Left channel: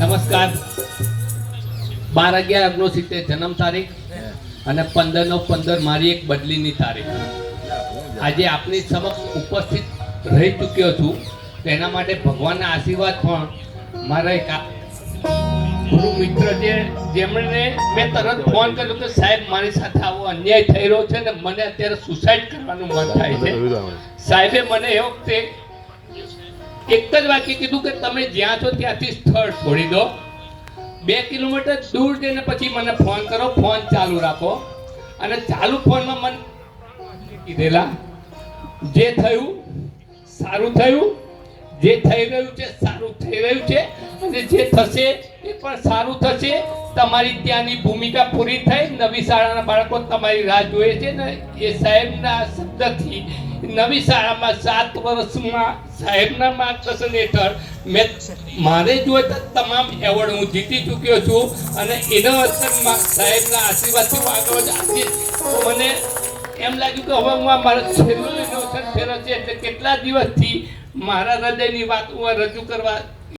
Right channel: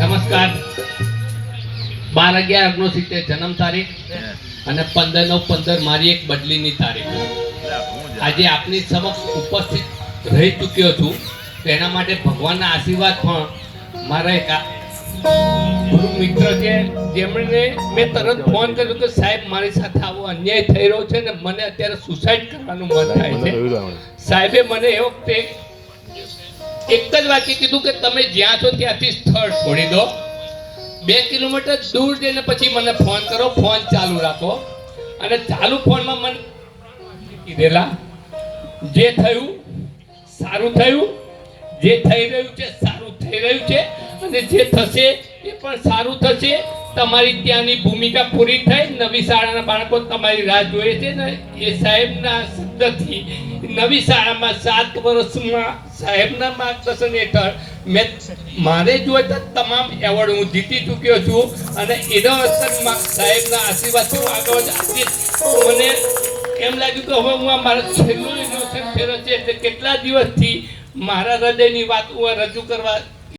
નમસ્કાર. 12/11/69 જન્મ તારીખ અને 15/9/15 મારી એક બદલીની તારીખ. આજે આપની સમક્ષ ઉપસ્થિત રહી ચૂક્યો છું. તેના માટે ભગવાનના આશીર્વાદ પણ મારા એક ગુરુ મિત્ર છે, જેમણે મેં તરત ફોન કર્યો કે સાહેબ મારી સાથે આવો અન્યાય થઈ રહ્યો છે ને મને અત્યારે સુસાઇડ કરવાનું મન થાય છે. સાહેબે મને એ વખતે એક જ વાક્ય કીધું કે તમે જ્યાં છો ત્યાંથી સ્થળ છોડી દો, 2 કિલોમીટર દૂર જઈને પછી મને ફોન કરો, ફોન ચાલુ રાખો. અને ચાલુ ફોનમાં મને કીધેલા જે થયું સારું થયું, જે થઈ રહ્યું છે સારું થઈ રહ્યું છે અને જે થશે એ પણ સારું થશે. તમારી ત્યાંની ભૂમિકા પૂરી થઈ, નવી શાળાના બાળકો તમારી રાહ જોઈએ છે ને એ સાહેબના શબ્દથી નવી શાળામાં 7 વર્ષમાં સાહેબના માર્ગદર્શન હેઠળ મેં મારે જોઈતા તમામ એવોર્ડ હું જીતી ચૂક્યો છું અને એનો અસરમાં સાહેબના આશીર્વાદથી આગળ આજે મને એમ લાગ્યું કે હવે હું આ મારા છેલ્લું ઇનોવેશન ફેરો છે એટલે કેટલા દિવસથી મારા હૃદયની વાત હું રજૂ કરવા